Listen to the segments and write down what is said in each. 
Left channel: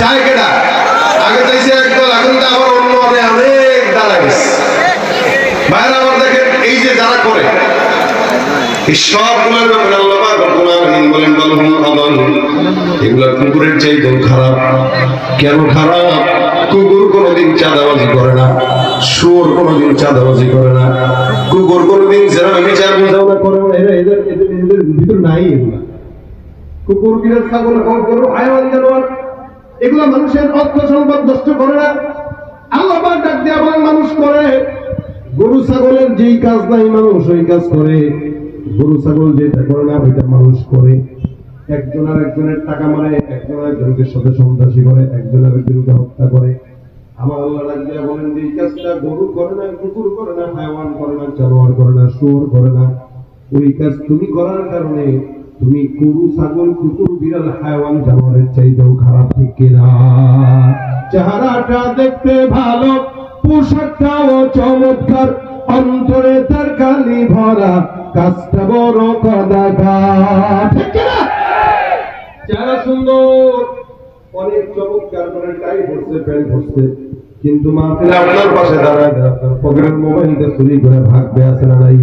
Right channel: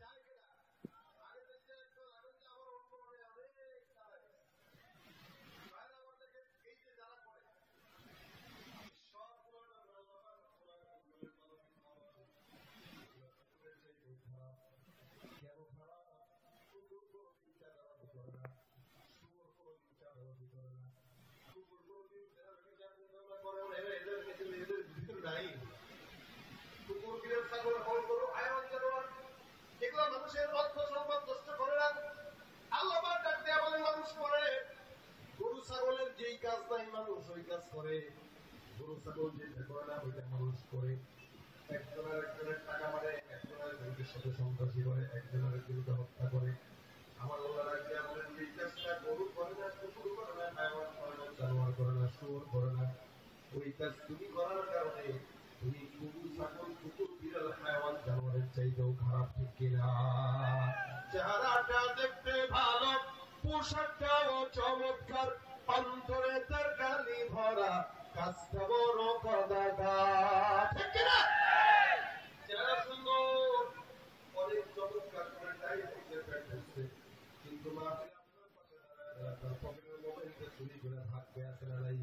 চায় কেডা আগে চাইছে একদল এখন তো আবার অন্য অনেক দাঁড়া গেছে বাইরে আবার দেখেন এই যে যারা করে এই সবগুলোর ব্যাপারে আল্লাহ পাক রব্বুল আলামিন বলেন বালহুম আদাল এগুলা কুকুরের চাইতেও খারাপ কেন খারাপ কুকুর কোনোদিন চাঁদাবাজি করে না শুয়োর কোনোদিন চাঁদাবাজি করে না কুকুর কোনোদিন যারা বিচার বুঝাওনা করে না এদের ভিতর নাই এগুলা কুকুর বিরাট ছাগল গরু হায়াওয়ান জানোয়ার এগুলা মানুষের অর্থ সম্পদ নষ্ট করে না আল্লাহ পাক ডাক দিয়ে বলেন মানুষ করে গরু ছাগলের যেই কাজ নাই মানুষ ওই কাজ করে গরু ছাগল যেটা করে না ওইটা মানুষ করে একজন আর একজনের টাকা মারে একজন আর একজনের সাথে সন্ত্রাসী করে একজন আর একজনকে হত্যা করে আমার আল্লাহ ডাক দিয়ে বলেন যে এই কাজটা গরু করে না কুকুর করে না হায়াওয়ান করে না জানোয়ার করে না শুয়োর করে না ওই কাজ তুমি করার কারণে তুমি গরু ছাগল কুকুর বিড়াল হায়াওয়ান জানোয়ারের চাইতেও খারাপ ঠিক কিনা চেহারাটা দেখতে ভালো পোশাকটাও চমৎকার অন্তরে তার কালি ভরা কাজটা বড় কদাঘাত ঠিক কিনা চেহারা সুন্দর অনেক চমৎকার করে টাই পরছে প্যান্ট পরছে কিন্তু মাহফিলে আপনার পাশে দাঁড়ায় আপনার পকেটের মোবাইলটা চুরি করে ভাগবে আছে না নাই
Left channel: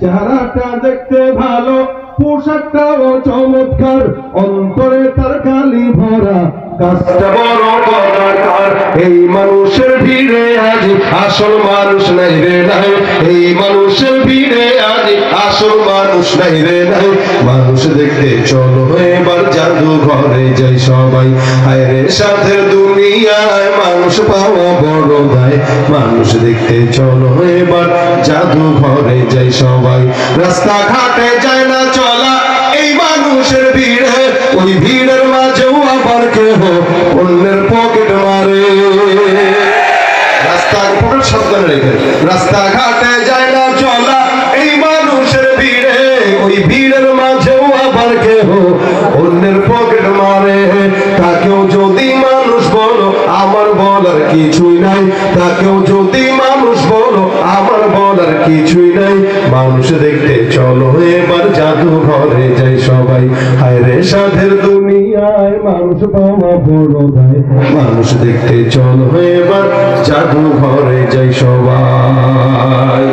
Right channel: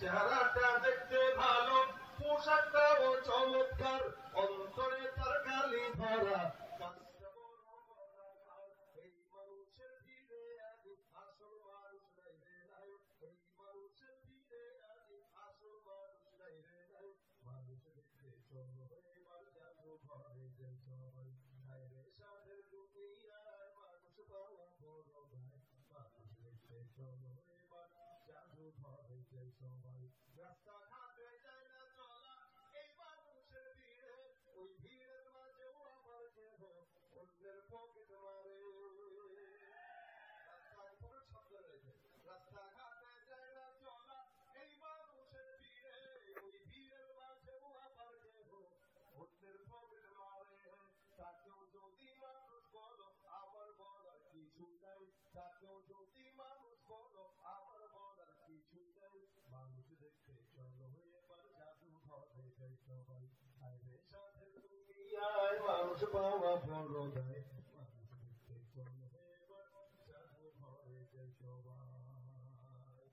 চেহারাটা দেখতে ভালো পোশাকটাও চমৎকার অন্তরে তার কালি ভরা কাজটা বড় কদাকার এই মানুষের ভিড়ে আজ আসল মানুষ নাই রে নাই এই মানুষের ভিড়ে আজ আসল মানুষ নাই রে নাই মানুষ দেখতে চলো এবার জাদু ঘরে যাই সবাই হায় রে সাথের দুনিয়ায় মানুষ পাওয়া বড় দায় মানুষ দেখতে চলো এবার জাদু ঘরে যাই সবাই রাস্তাঘাটে যায় না চলা এই মানুষের ভিড়ে ওই ভিড়ের মাঝেও আবার কেহ অন্যের পকেট মারে রাস্তাঘাটের সাবধানে রেখে রাস্তাঘাটে যায় না চলা এই মানুষের ভিড়ে ওই ভিড়ের মাঝেও আবার কেহ অন্যের পকেট মারে তাকেও যদি মানুষ বলো আমার বলার কিছুই নাই তাকেও যদি মানুষ বলো আমার বলার কিছুই নাই মানুষ দেখতে চলো এবার জাদু ঘরে যাই সবাই হায় রে সাধের দুনিয়ায় মানুষ পাওয়া বড় দায় মানুষ দেখতে চলো এবার জাদু ঘরে যাই সবাই